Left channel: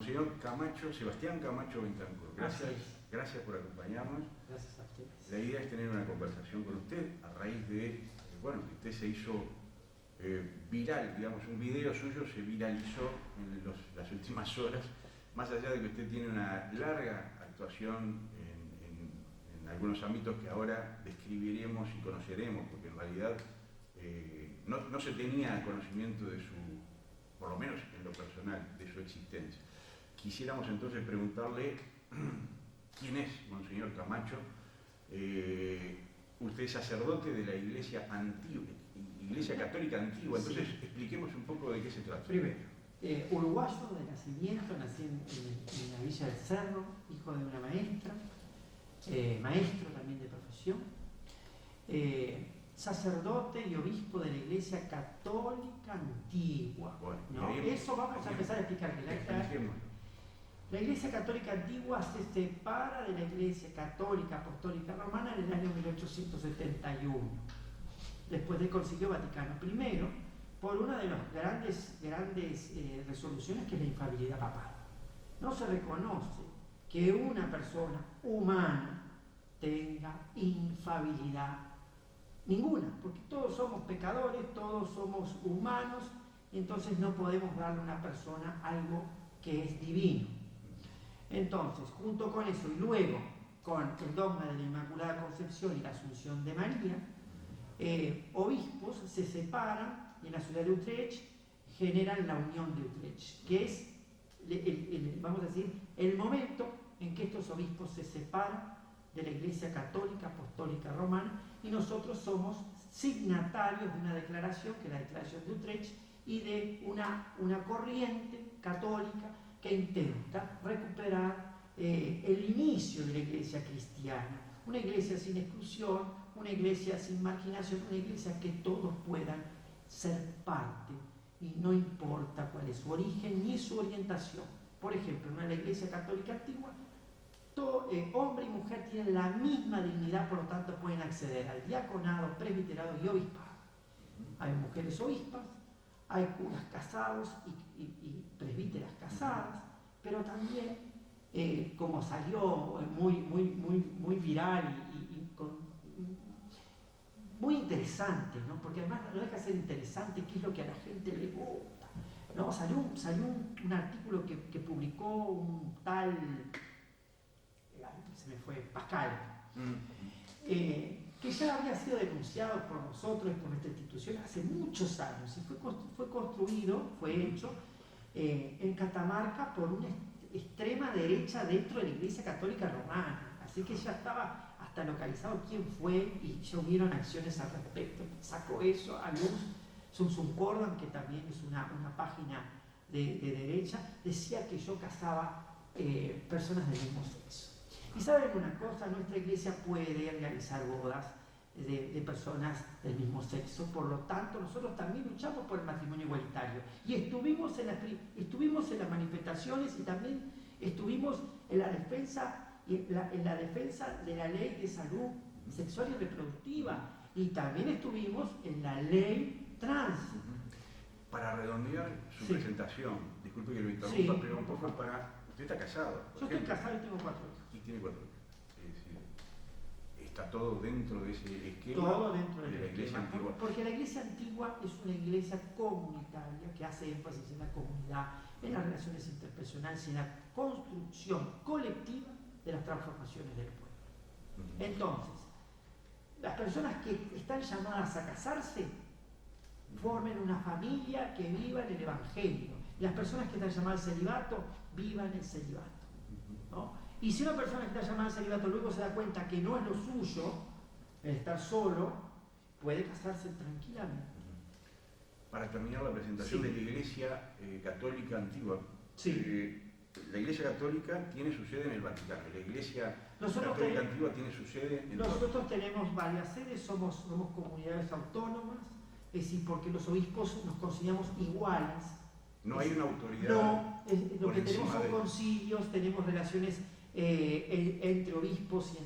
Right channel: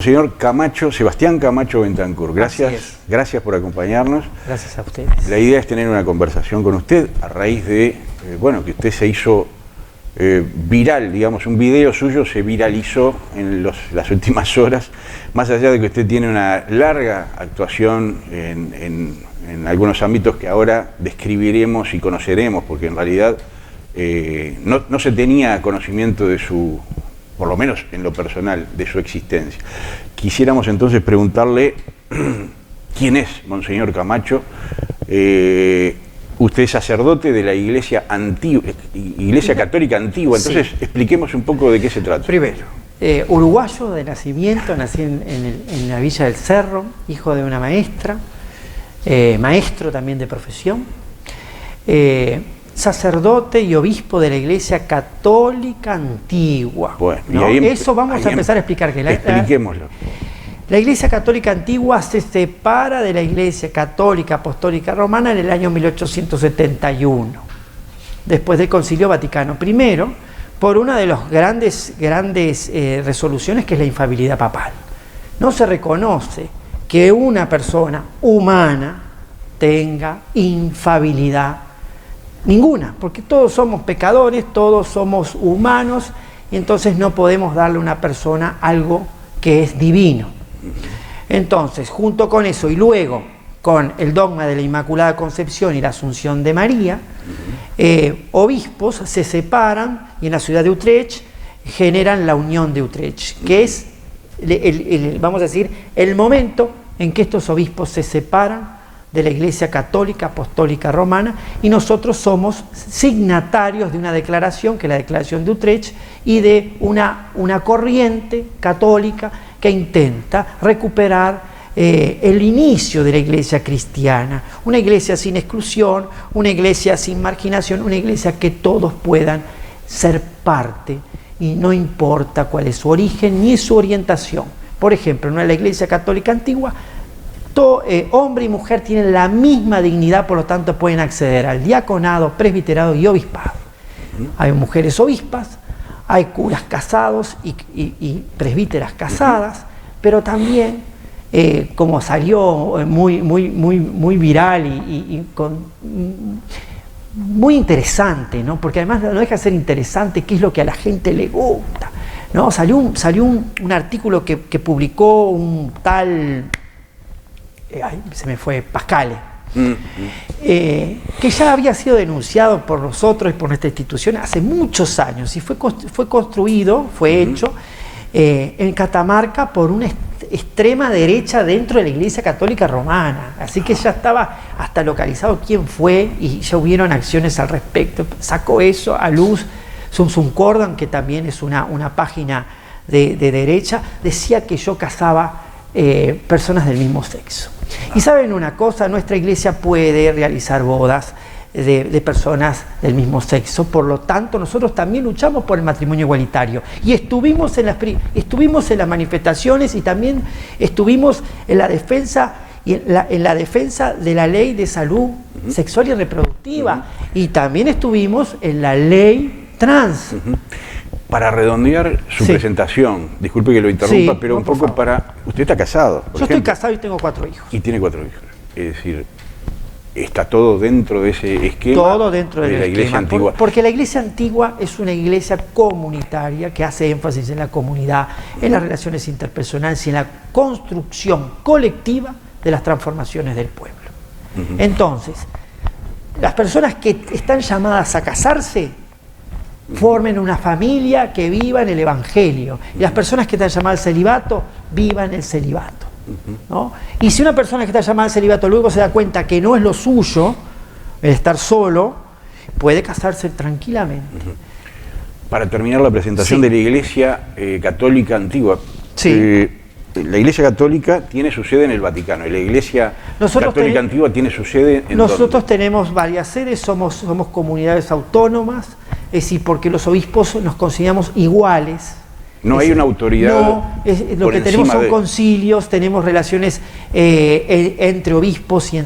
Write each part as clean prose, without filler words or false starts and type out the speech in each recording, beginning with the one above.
Señor Camacho, Sebastián Camacho Bentancur, gracias por acompañarnos. Gracias a ustedes. La idea es tener una conversación con usted a raíz de, bueno, que usted se hizo viral, digamos, un video suyo se viralizó en las últimas horas, más allá de que usted tiene una larga actuación en algunos ámbitos que ahora describiremos y conoceremos, porque en realidad no se tenía conocimiento de su, por lo menos en lo personal, de su existencia. Quisiéramos entonces preguntarle quién es Monseñor Camacho. Usted es sacerdote de la Iglesia antigua, Iglesia Católica Antigua, entonces sí. Expliquemos un poco de qué se trata. Primero, uruguayo de nacimiento, nací en la Villa del Cerro, hijo de una maestra, maestro también de profesión, sacerdote y obispo de la Iglesia Católica Antigua. Bueno, ¿no? Eso vamos a empezar a explicar. Expliquémoslo. La Iglesia Católica Antigua se separa de la Iglesia Católica Apostólica Romana en el año 1871, después del Concilio Vaticano I, por una de las grandes resoluciones, que es la infalibilidad papal. No se reconoce que una persona humana tenga infalibilidad ninguna, porque todos somos pecadores, todos somos humanos, y entonces no podemos darle a una persona algo que es divino. Entonces, junto con eso y luego con el dogma de la Inmaculada Concepción y la Asunción de María, obispos se separan y en la ciudad de Utrecht generan la Unión de Utrecht, que es, vamos a decir, el momento en que estos obispos se separan de la Iglesia Católica Apostólica Romana, y nosotros somos signatarios de una declaración, que es la Declaración de Utrecht, y de una corriente católica que intenta recuperar el inicio de la Iglesia cristiana, una Iglesia sin exclusión, una Iglesia sin marginación, una Iglesia que todos puedan ser parte, y no importa cuál es su origen ni su orientación. Por ejemplo, en la Iglesia Católica Antigua, hombre y mujer tienen la misma dignidad, por lo tanto pueden acceder al diaconado, presbiterado y obispado. Hay mujeres obispas, hay curas casados y presbíteras casadas, pero también, como salió muy viral y muy interesante, ¿no? Porque además no deja de ser interesante qué es lo que a la gente le gusta, ¿no? Salió un artículo que publicó un tal... se me fue, Pascale, que ya había sido denunciado por nosotros y por nuestra institución hace muchos años, y fue construido, fue hecho en Catamarca por una extrema derecha dentro de la Iglesia Católica Romana, así que ya estaba hasta localizado quién fue y ya hubieron acciones al respecto. Sacó eso a luz Sumsum Cordan, que también es una página de derecha, decía que yo casaba personas del mismo sexo. Y saben una cosa, nuestra iglesia puede realizar bodas de personas del mismo sexo, por lo tanto nosotros también luchamos por el matrimonio igualitario, y estuvimos en las manifestaciones, y también estuvimos en la defensa de la ley de salud sexual y reproductiva, y también estuvimos en la ley trans. Para redondear su presentación, disculpe que lo interrumpa, pero un poco para... Usted está casado, Yo estoy casado y tengo 4 hijos. Y tiene 4 hijos. Es decir, está todo dentro de ese esquema. Todo dentro de la Iglesia Antigua. Porque la Iglesia Antigua es una iglesia comunitaria que hace énfasis en la comunidad, en las relaciones interpersonales y en la construcción colectiva de las transformaciones del pueblo. Entonces, las personas que están llamadas a casarse formen una familia que viva en el Evangelio, y las personas que están llamadas al celibato vivan el celibato, ¿no? Y si una persona que está llamada al celibato luego se da cuenta que no es lo suyo el estar solo, puede casarse tranquilamente. Para terminar la presentación de la Iglesia Católica Antigua, la Iglesia Católica tiene su sede en el Vaticano, y la Iglesia Católica Antigua tiene su sede en Nosotros tenemos varias sedes, somos comunidades autónomas, es decir, porque los obispos nos consideramos iguales. No hay una autoridad. No, lo que tenemos son concilios, tenemos relaciones entre obispos y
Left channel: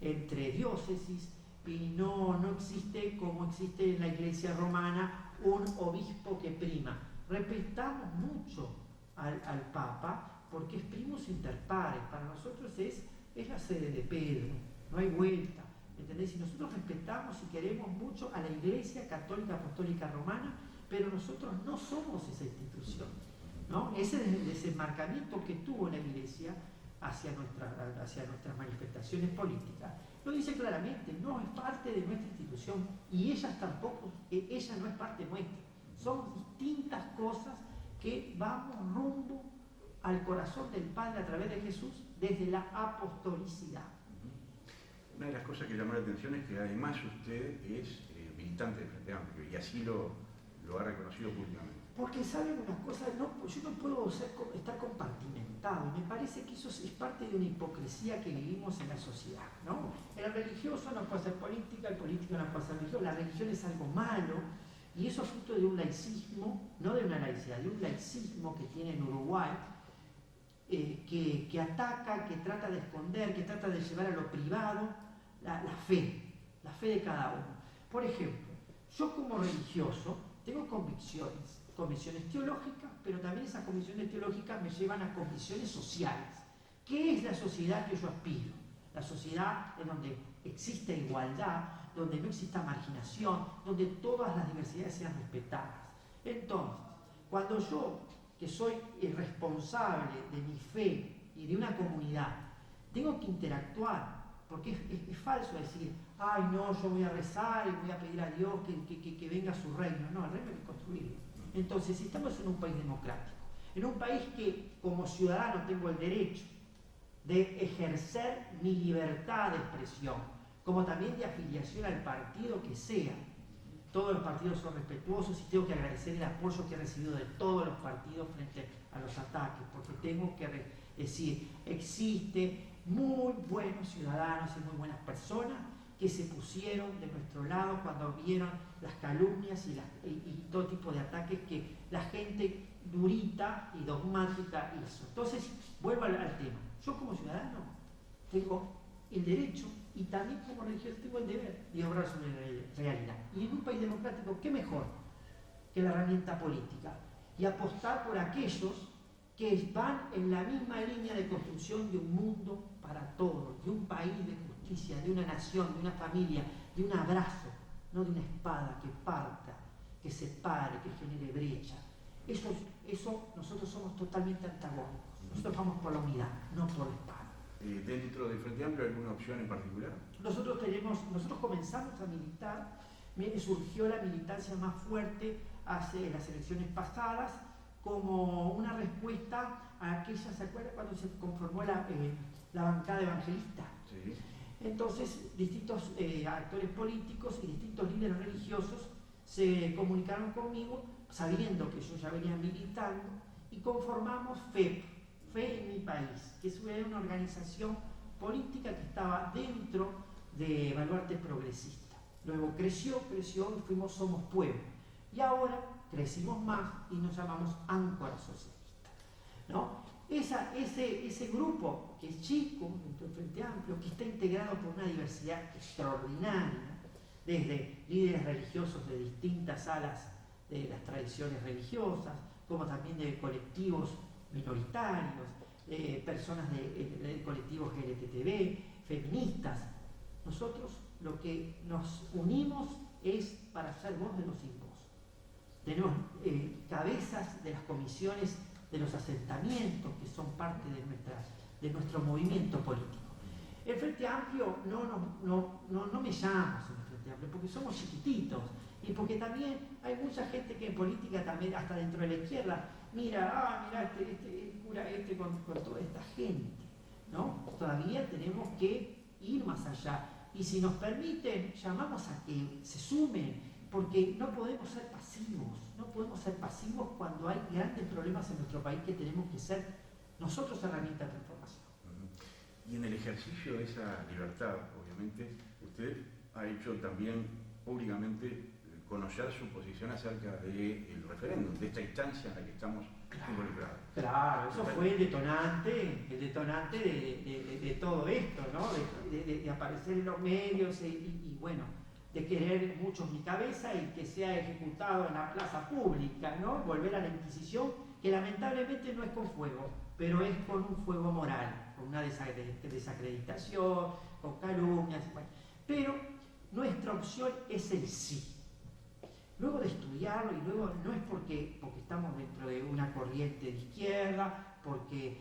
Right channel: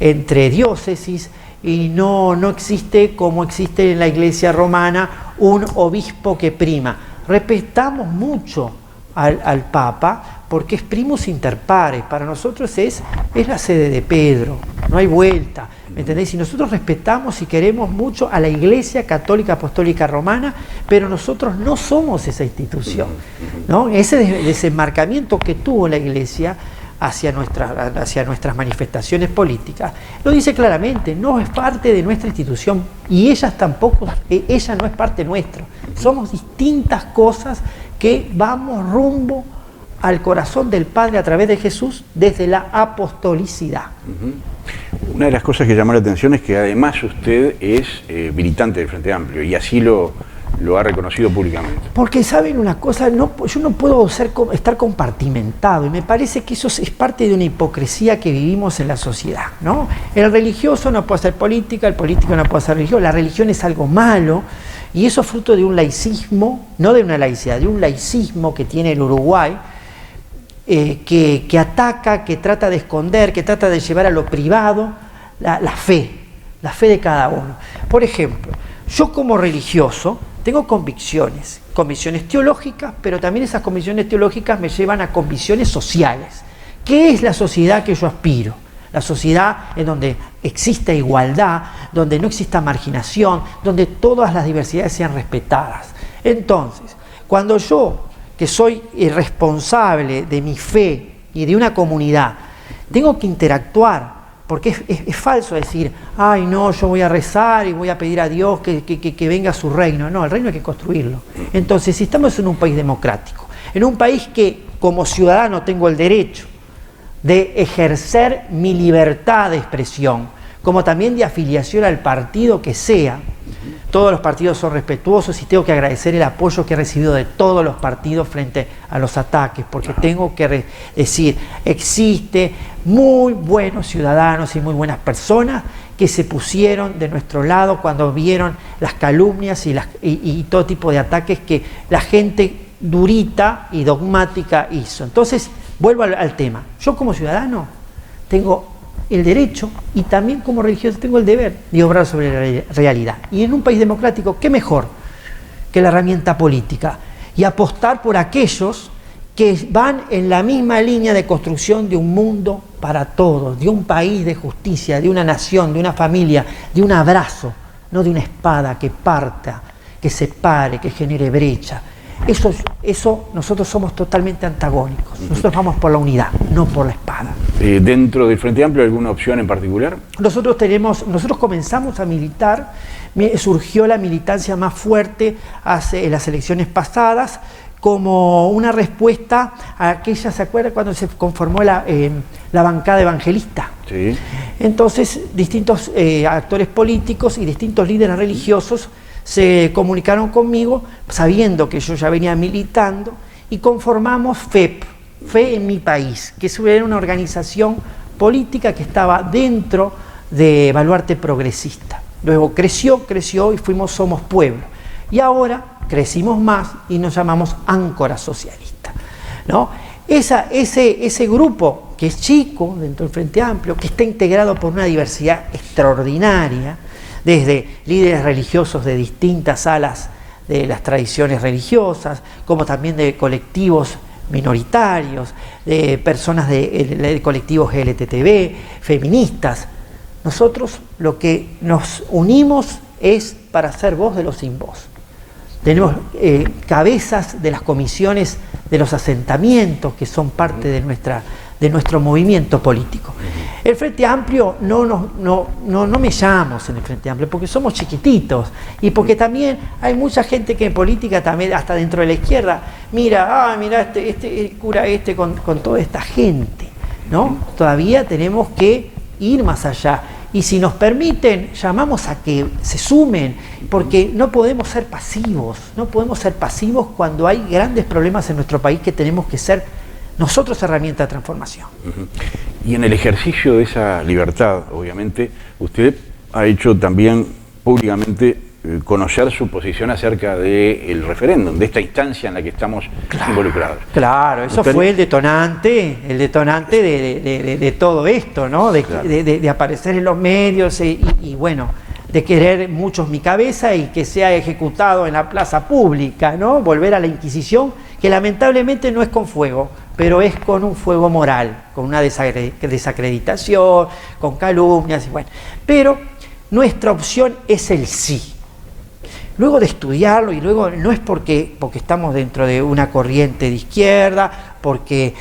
entre diócesis, y no existe, como existe en la Iglesia romana, un obispo que prima. Respetamos mucho al Papa porque es primus inter pares. Para nosotros es la sede de Pedro, no hay vuelta, ¿me entendéis? Y nosotros respetamos y queremos mucho a la Iglesia Católica Apostólica Romana, pero nosotros no somos esa institución, ¿no? Ese desenmarcamiento que tuvo la Iglesia hacia nuestras manifestaciones políticas, lo dice claramente, no es parte de nuestra institución y ella no es parte nuestra. Somos distintas cosas que vamos rumbo al corazón del Padre a través de Jesús desde la apostolicidad. Una de las cosas que llamó la atención es que además usted es militante del Frente Amplio y así lo ha reconocido públicamente. Porque saben una cosa, yo no puedo estar compartimentado y me parece que eso es parte de una hipocresía que vivimos en la sociedad, ¿no? El religioso no puede hacer política, el político no puede hacer religión, la religión es algo malo y eso es fruto de un laicismo, no de una laicidad, de un laicismo que tiene el Uruguay, que ataca, que trata de esconder, que trata de llevar a lo privado la fe de cada uno. Por ejemplo, yo como religioso tengo convicciones teológicas, pero también esas convicciones teológicas me llevan a convicciones sociales. ¿Qué es la sociedad que yo aspiro? La sociedad en donde exista igualdad, donde no exista marginación, donde todas las diversidades sean respetadas. Entonces, cuando yo, que soy responsable de mi fe y de una comunidad, tengo que interactuar, porque es falso decir, ay no, yo voy a rezar y voy a pedir a Dios que venga a su reino. No, el reino hay que construirlo. Entonces, si estamos en un país democrático, en un país que como ciudadano tengo el derecho de ejercer mi libertad de expresión, como también de afiliación al partido que sea. Todos los partidos son respetuosos y tengo que agradecer el apoyo que he recibido de todos los partidos frente a los ataques, porque tengo que decir, existe muy buenos ciudadanos y muy buenas personas que se pusieron de nuestro lado cuando vieron las calumnias y todo tipo de ataques que la gente durita y dogmática hizo. Entonces, vuelvo al tema. Yo como ciudadano tengo el derecho y también como religioso tengo el deber de obrar sobre la realidad. Y en un país democrático, ¿qué mejor que la herramienta política? Y apostar por aquellos que van en la misma línea de construcción de un mundo para todos, de un país de justicia, de una nación, de una familia, de un abrazo, no de una espada que parta, que separe, que genere brecha. Eso nosotros somos totalmente antagónicos. Nosotros vamos por la unidad, no por la espada. ¿Dentro del Frente Amplio alguna opción en particular? Nosotros comenzamos a militar, surgió la militancia más fuerte en las elecciones pasadas, como una respuesta a aquella, ¿se acuerda cuando se conformó la bancada evangelista? Sí. Entonces, distintos actores políticos y distintos líderes religiosos se comunicaron conmigo sabiendo que yo ya venía militando y conformamos FEP, Fe en mi País, que era una organización política que estaba dentro de Baluarte Progresista. Luego creció y fuimos Somos Pueblo. Y ahora crecimos más y nos llamamos Áncora Socialista, ¿no? Ese grupo que es chico dentro del Frente Amplio, que está integrado por una diversidad extraordinaria, desde líderes religiosos de distintas alas de las tradiciones religiosas, como también de colectivos minoritarios, de personas de colectivos LGTB, feministas. Nosotros lo que nos unimos es para ser voz de los sin voz. Tenemos cabezas de las comisiones de los asentamientos que son parte de nuestro movimiento político. El Frente Amplio no me llamamos en el Frente Amplio porque somos chiquititos y porque también hay mucha gente que en política también, hasta dentro de la izquierda, mira el cura con toda esta gente, ¿no? Todavía tenemos que ir más allá. Y si nos permiten, llamamos a que se sumen, porque no podemos ser pasivos cuando hay grandes problemas en nuestro país que tenemos que ser nosotros herramienta de transformación. Y en el ejercicio de esa libertad, obviamente, usted ha hecho también públicamente conocer su posición acerca del referéndum, de esta instancia en la que estamos involucrados. Claro, eso fue el detonante de todo esto, ¿no? De aparecer en los medios y bueno, de querer muchos mi cabeza y que sea ejecutado en la plaza pública, ¿no? Volver a la Inquisición, que lamentablemente no es con fuego, pero es con un fuego moral, con una desacreditación, con calumnias y bueno. Pero nuestra opción es el sí. Luego de estudiarlo, y luego no es porque estamos dentro de una corriente de izquierda, porque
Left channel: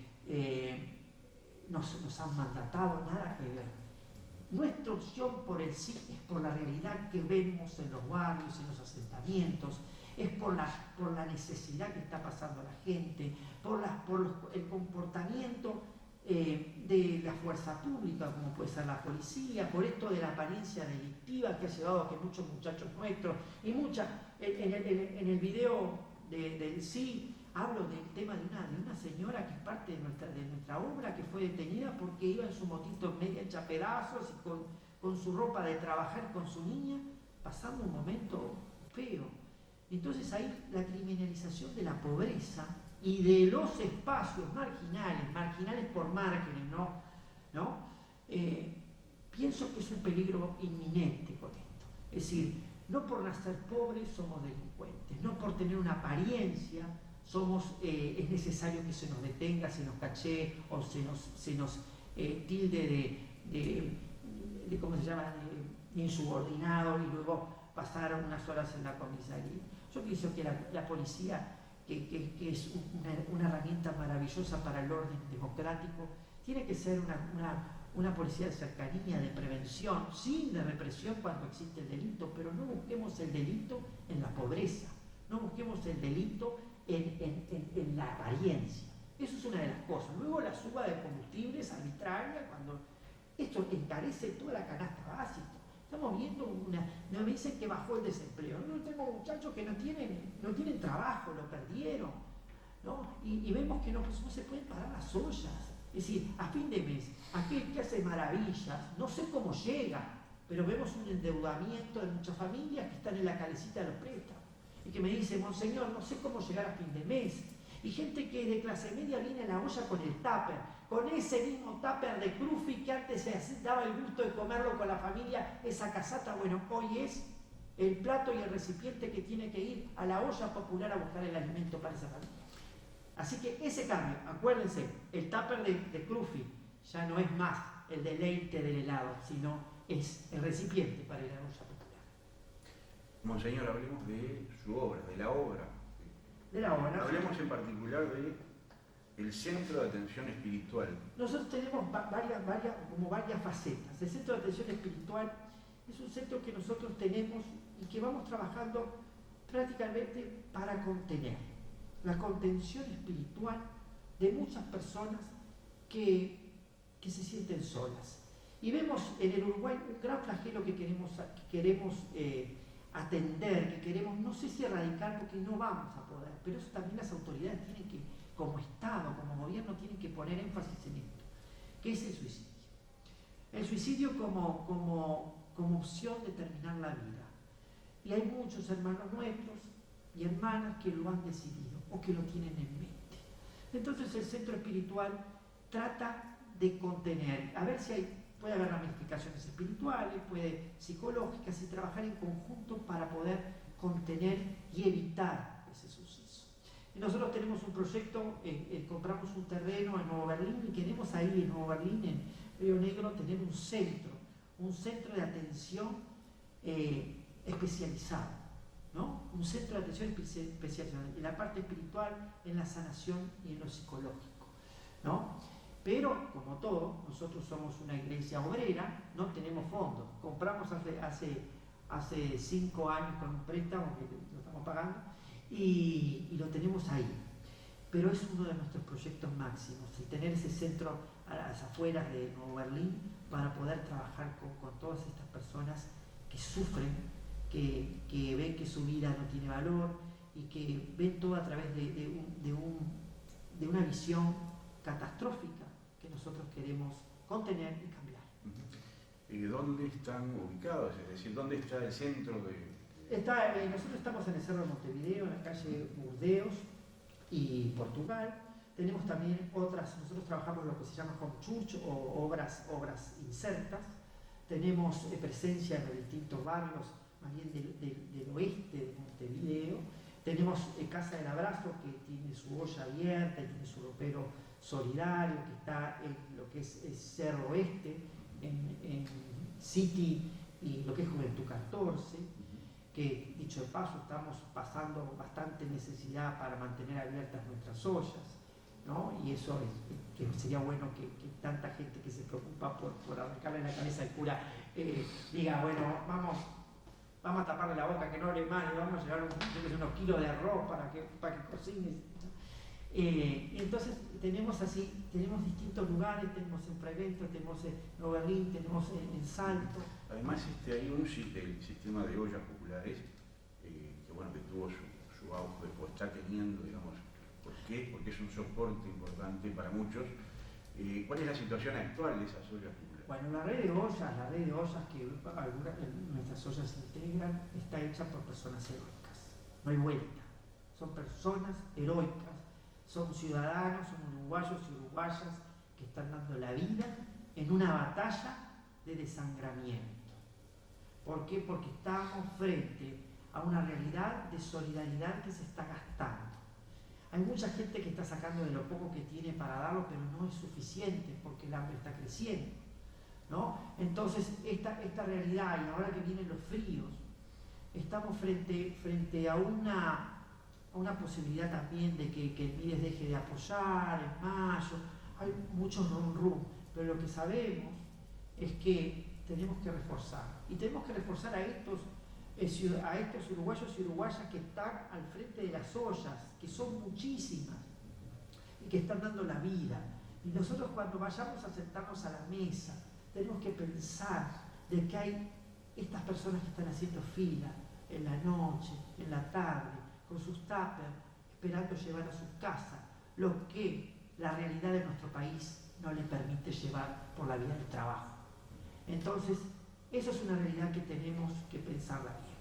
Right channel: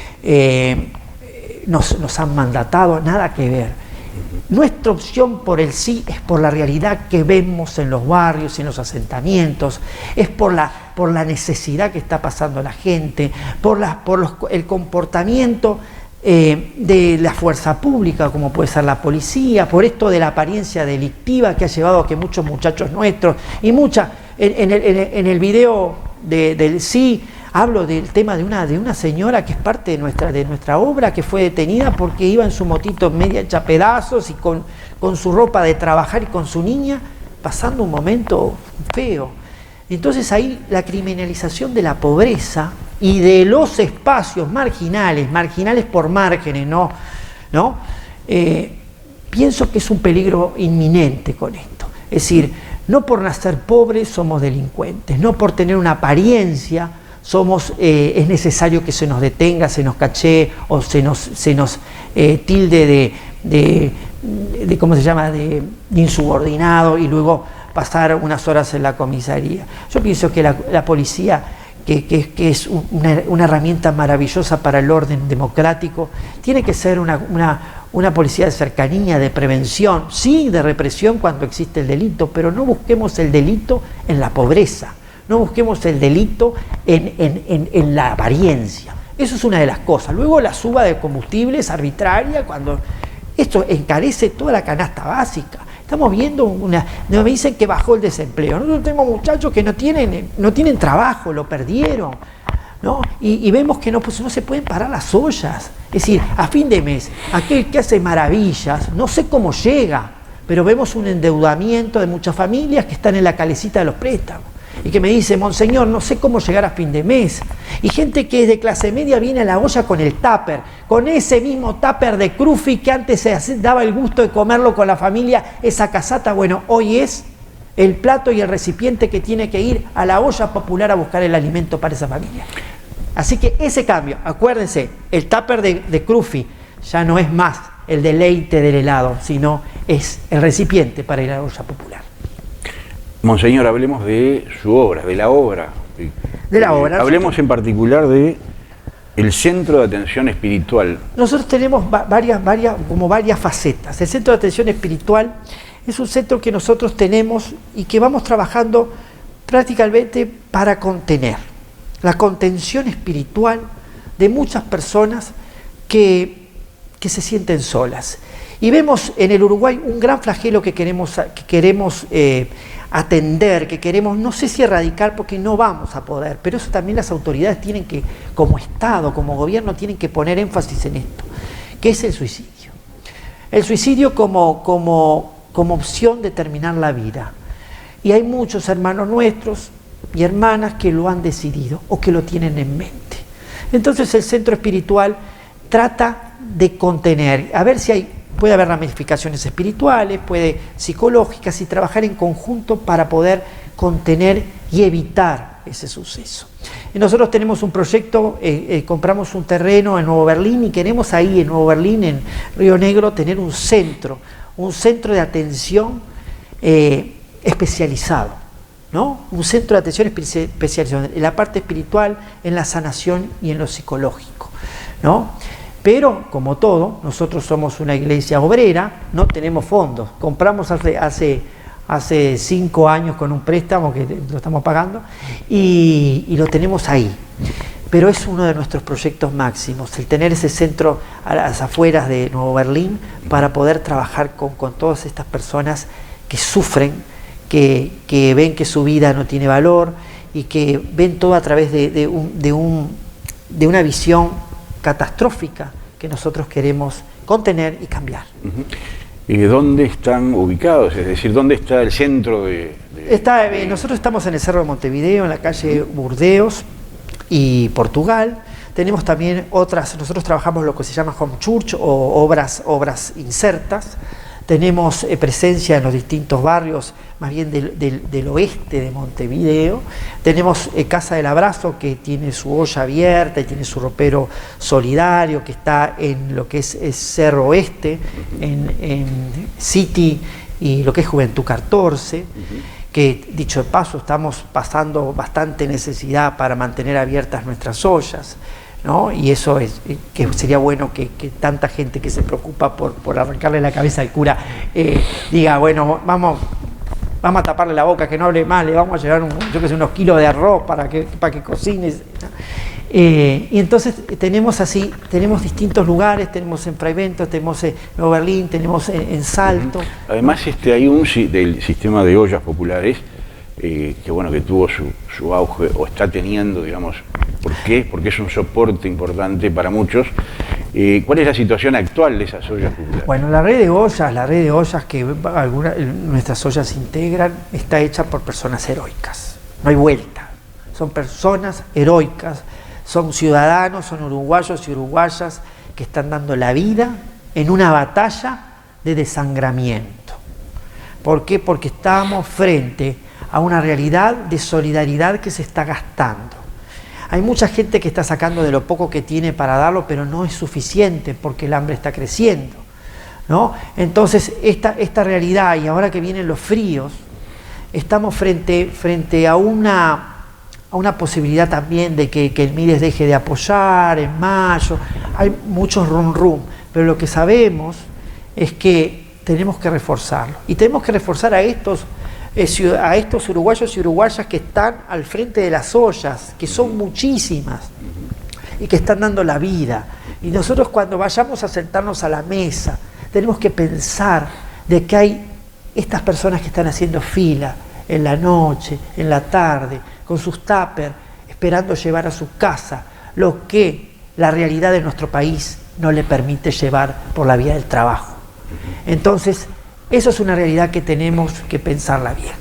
nos han mandatado, nada que ver. Nuestra opción por el sí es por la realidad que vemos en los barrios, en los asentamientos, es por la necesidad que está pasando la gente, el comportamiento de la fuerza pública, como puede ser la policía, por esto de la apariencia delictiva que ha llevado a que muchos muchachos nuestros, y en el video del sí, hablo del tema de una señora que es parte de nuestra obra, que fue detenida porque iba en su motito media hecha pedazos y con su ropa de trabajar y con su niña, pasando un momento feo. Entonces ahí la criminalización de la pobreza y de los espacios marginales por márgenes, ¿no? Pienso que es un peligro inminente con esto. Es decir, no por nacer pobres somos delincuentes, no por tener una apariencia es necesario que se nos detenga, se nos cachee o se nos tilde de ¿cómo se llama?, de insubordinado y luego pasar unas horas en la comisaría. Yo pienso que la policía, que es una herramienta maravillosa para el orden democrático, tiene que ser una policía de cercanía, de prevención, sí, de represión cuando existe el delito, pero no busquemos el delito en la pobreza. No busquemos el delito en la apariencia. Eso es una de las cosas. Luego la suba de combustibles arbitraria, cuando esto encarece toda la canasta básica. Estamos viendo me dicen que bajó el desempleo. Nosotros tenemos muchachos que no tienen trabajo, lo perdieron, ¿no? Y vemos que no se pueden parar las ollas. Es decir, a fin de mes, aquel que hace maravillas, no sé cómo llega, pero vemos un endeudamiento de muchas familias que están en la calecita de los préstamos. Y que me dice, monseñor, no sé cómo llegar a fin de mes. Y gente que es de clase media viene a la olla con el tupper, con ese mismo tupper de Crufi que antes se daba el gusto de comerlo con la familia, esa casata. Bueno, hoy es el plato y el recipiente que tiene que ir a la olla popular a buscar el alimento para esa familia. Así que ese cambio, acuérdense, el tupper de Crufi ya no es más el deleite del helado, sino es el recipiente para ir a la olla popular. Monseñor, hablemos de su obra, de la obra. De la obra. Hablemos en particular de el Centro de Atención Espiritual. Nosotros tenemos varias facetas. El Centro de Atención Espiritual es un centro que nosotros tenemos y que vamos trabajando prácticamente para contener la contención espiritual de muchas personas que se sienten solas. Y vemos en el Uruguay un gran flagelo que queremos atender, que queremos, no sé si erradicar, porque no vamos a poder, pero eso también las autoridades tienen que, como Estado, como gobierno, tienen que poner énfasis en esto, que es el suicidio. El suicidio como opción de terminar la vida. Y hay muchos hermanos nuestros y hermanas que lo han decidido o que lo tienen en mente. Entonces el centro espiritual trata de contener, a ver si puede haber ramificaciones espirituales, psicológicas, y trabajar en conjunto para poder contener y evitar ese suceso. Y nosotros tenemos un proyecto, compramos un terreno en Nuevo Berlín y queremos ahí en Nuevo Berlín, en Río Negro, tener un centro de atención especializado, ¿no? Un centro de atención especializado en la parte espiritual, en la sanación y en lo psicológico, ¿no? Pero, como todo, nosotros somos una iglesia obrera, no tenemos fondos. Compramos hace 5 años con un préstamo que lo estamos pagando y lo tenemos ahí. Pero es uno de nuestros proyectos máximos, el tener ese centro a las afueras de Nuevo Berlín para poder trabajar con todas estas personas que sufren, que ven que su vida no tiene valor y que ven todo a través de una visión catastrófica que nosotros queremos contener y cambiar. ¿Y dónde están ubicados? Es decir, ¿dónde está el centro nosotros estamos en el Cerro de Montevideo, en la calle Burdeos y Portugal. Tenemos también nosotros trabajamos lo que se llama home church o obras insertas, tenemos presencia en los distintos barrios, más bien del oeste de Montevideo. Tenemos Casa del Abrazo, que tiene su olla abierta y tiene su ropero solidario, que está en lo que es Cerro Oeste, en City y lo que es Juventud 14, que dicho de paso estamos pasando bastante necesidad para mantener abiertas nuestras ollas, ¿no? Y eso es que sería bueno que tanta gente que se preocupa por arrancarle la cabeza al cura diga, bueno, vamos a taparle la boca, que no hable más, le vamos a llevar unos kilos de arroz para que cocine. Y entonces tenemos distintos lugares, tenemos en Fraiventos, tenemos en Nuevo Berlín, tenemos en Salto. Además hay del sistema de ollas populares que tuvo su auge, o está teniendo, digamos. ¿Por qué? Porque es un soporte importante para muchos. ¿Cuál es la situación actual de esas ollas populares? Bueno, la red de ollas que nuestras ollas integran, está hecha por personas heroicas. No hay vuelta. Son personas heroicas, son ciudadanos, son uruguayos y uruguayas que están dando la vida en una batalla de desangramiento. ¿Por qué? Porque estamos frente a una realidad de solidaridad que se está gastando. Hay mucha gente que está sacando de lo poco que tiene para darlo, pero no es suficiente porque el hambre está creciendo, ¿no? Entonces, esta realidad, y ahora que vienen los fríos, estamos frente a una posibilidad también de que el Mides deje de apoyar en mayo. Hay muchos rum, pero lo que sabemos es que tenemos que reforzarlo. Y tenemos que reforzar a estos uruguayos y uruguayas que están al frente de las ollas, que son muchísimas y que están dando la vida. Y nosotros, cuando vayamos a sentarnos a la mesa, tenemos que pensar de que hay estas personas que están haciendo fila en la noche, en la tarde, con sus tuppers, esperando llevar a su casa lo que la realidad de nuestro país no le permite llevar por la vía del trabajo. Entonces, eso es una realidad que tenemos que pensarla bien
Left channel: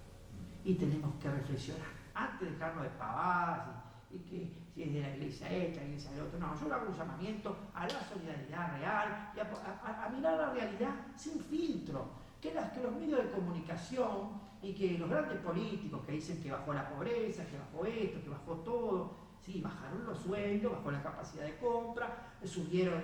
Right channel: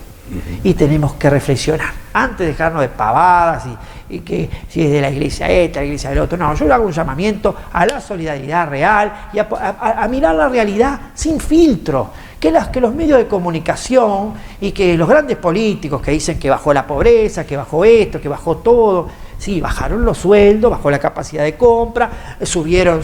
y tenemos que reflexionar antes de dejarnos de pavadas y que si es de la iglesia esta, la iglesia del otro. No, yo le hago un llamamiento a la solidaridad real y a mirar la realidad sin filtro, que los medios de comunicación y que los grandes políticos que dicen que bajó la pobreza, que bajó esto, que bajó todo. Sí, bajaron los sueldos, bajó la capacidad de compra, subieron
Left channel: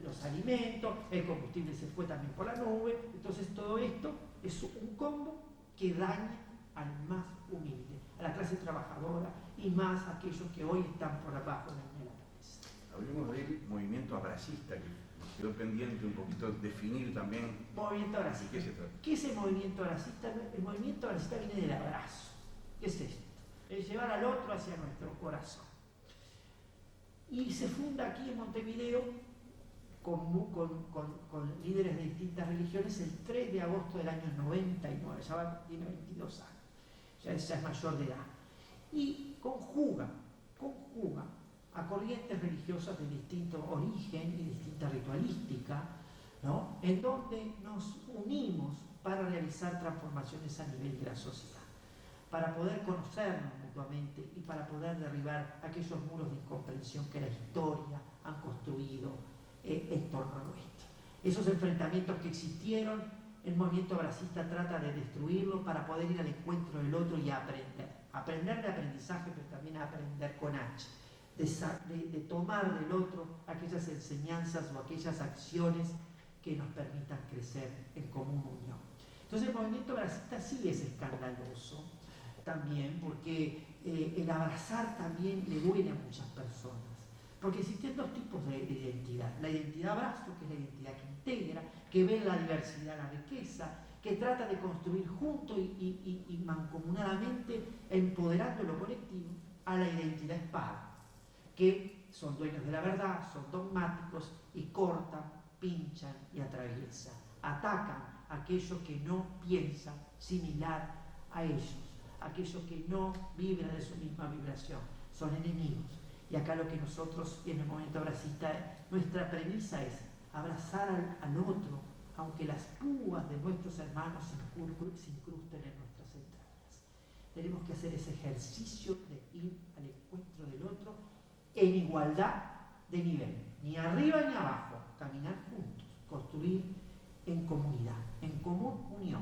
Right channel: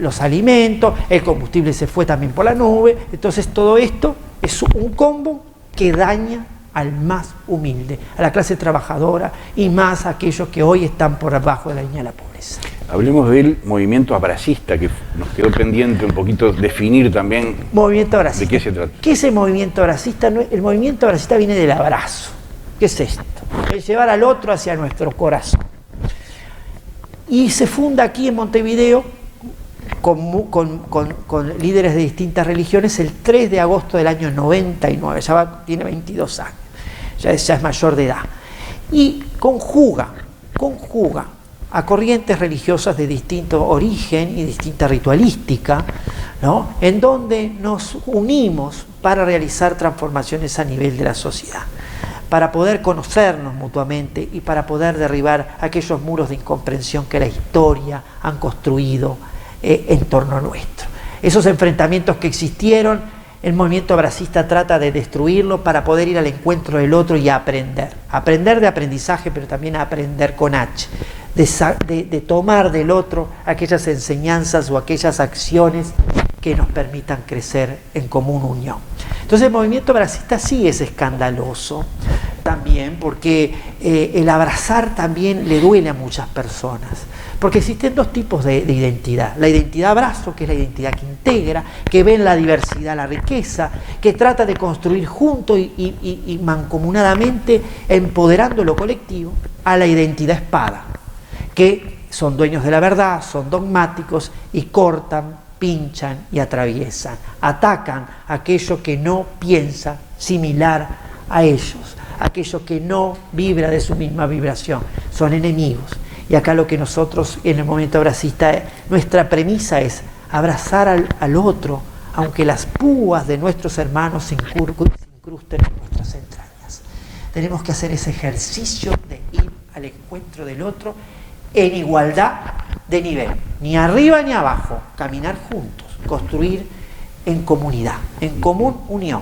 los alimentos, el combustible se fue también por la nube. Entonces todo esto es un combo que daña al más humilde, a la clase trabajadora y más a aquellos que hoy están por abajo de la línea de la pobreza. Hablemos del movimiento abracista, que nos quedó pendiente un poquito definir también. Movimiento abracista. ¿De qué se trata? ¿Qué es el movimiento abracista? El movimiento abracista viene del abrazo. ¿Qué es esto? El llevar al otro hacia nuestro corazón. Y se funda aquí en Montevideo con líderes de distintas religiones el 3 de agosto del año 99, tiene 22 años, ya es mayor de edad. Y conjuga a corrientes religiosas de distinto origen y distinta ritualística, ¿no? En donde nos unimos para realizar transformaciones a nivel de la sociedad, para poder conocernos mutuamente y para poder derribar aquellos muros de incomprensión que la historia han construido en torno a nuestro. Esos enfrentamientos que existieron, el movimiento abracista trata de destruirlo para poder ir al encuentro del otro y aprender de aprendizaje, pero también aprender con H, de tomar del otro aquellas enseñanzas o aquellas acciones que nos permitan crecer en común unión. Entonces el movimiento abracista sí es escandaloso también, porque el abrazar también le duele a muchas personas, porque existen dos tipos de identidad: la identidad abrazo, que es la identidad que integra, que ve en la diversidad la riqueza, que trata de construir junto y mancomunadamente, empoderando lo colectivo, a la identidad espada, que son dueños de la verdad, son dogmáticos y cortan, pinchan y atraviesan, atacan a aquello que no piensa similar a ellos, aquello que no vibra de su misma vibración, son enemigos. Y acá lo que nosotros en el movimiento abracista, nuestra premisa es abrazar al otro, aunque las púas de nuestros hermanos se incrusten en nuestras entrañas. Tenemos que hacer ese ejercicio de ir al encuentro del otro en igualdad de nivel, ni arriba ni abajo, caminar juntos, construir en comunidad, en común unión.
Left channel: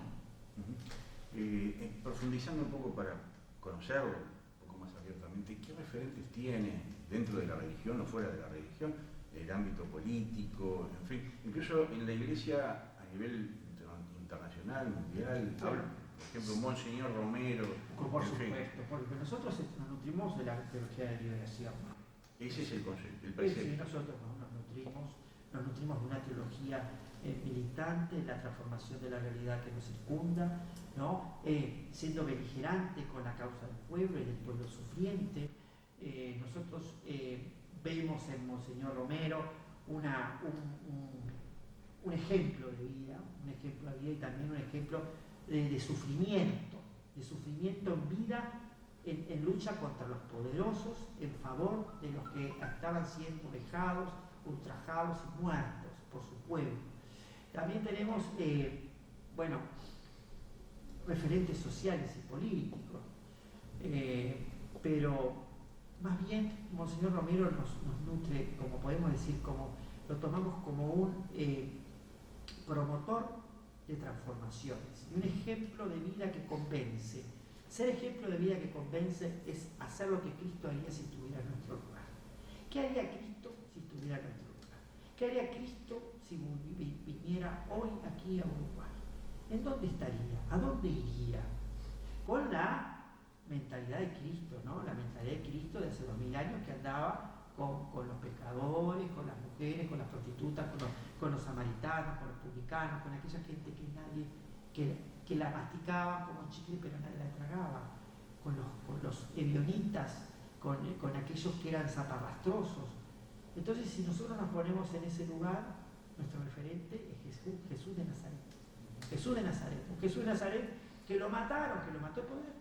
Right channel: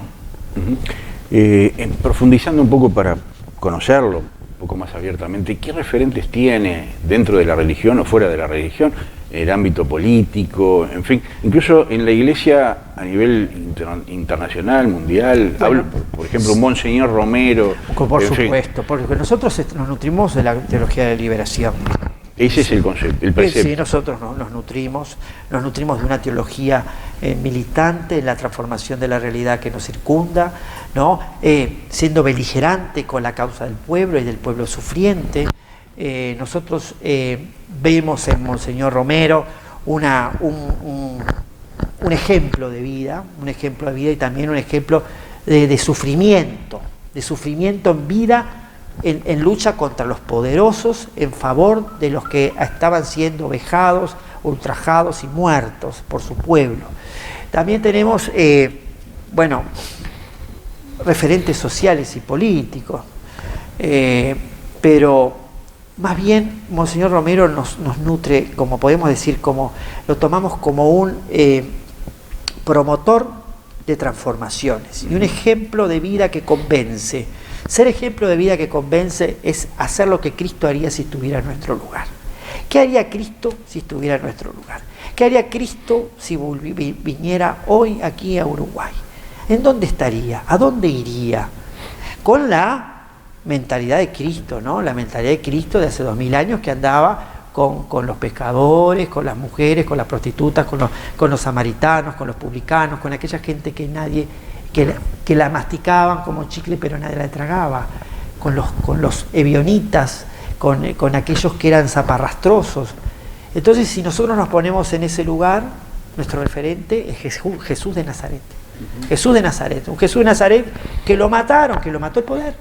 Profundizando un poco para conocerlo un poco más abiertamente, ¿qué referentes tiene dentro de la religión o fuera de la religión, en el ámbito político, en fin, incluso en la iglesia a nivel internacional, mundial? Bueno, hablo, por ejemplo, Monseñor Romero. Por supuesto, porque nosotros nos nutrimos de la teología de liberación. Ese es el concepto, el precepto. Sí, nosotros nos nutrimos de una teología militante en la transformación de la realidad que nos circunda, ¿no? Siendo beligerante con la causa del pueblo y del pueblo sufriente. Nosotros vemos en Monseñor Romero un ejemplo de vida, y también un ejemplo de sufrimiento en vida, en lucha contra los poderosos, en favor de los que estaban siendo vejados, ultrajados y muertos por su pueblo. También tenemos, referentes sociales y políticos, pero más bien Monseñor Romero nos nutre, como podemos decir, lo tomamos como un promotor de transformaciones y un ejemplo de vida que convence. Ser ejemplo de vida que convence es hacer lo que Cristo haría si estuviera en nuestro lugar. ¿Qué haría Cristo si estuviera en nuestro lugar? ¿Qué haría Cristo si viniera hoy aquí a Uruguay? ¿En dónde estaría? ¿A dónde iría? Con la mentalidad de Cristo, ¿no? La mentalidad de Cristo de hace 2000 años, que andaba con los pescadores, con las mujeres, con las prostitutas, con los samaritanos, con los publicanos, con aquella gente que la masticaban como chicle pero nadie la tragaba, con los ebionitas, con aquellos que eran zaparrastrosos. Entonces, si nosotros nos ponemos en ese lugar, nuestro referente es Jesús de Nazaret. Jesús de Nazaret, un Jesús de Nazaret que lo mataron, que lo mató el poder,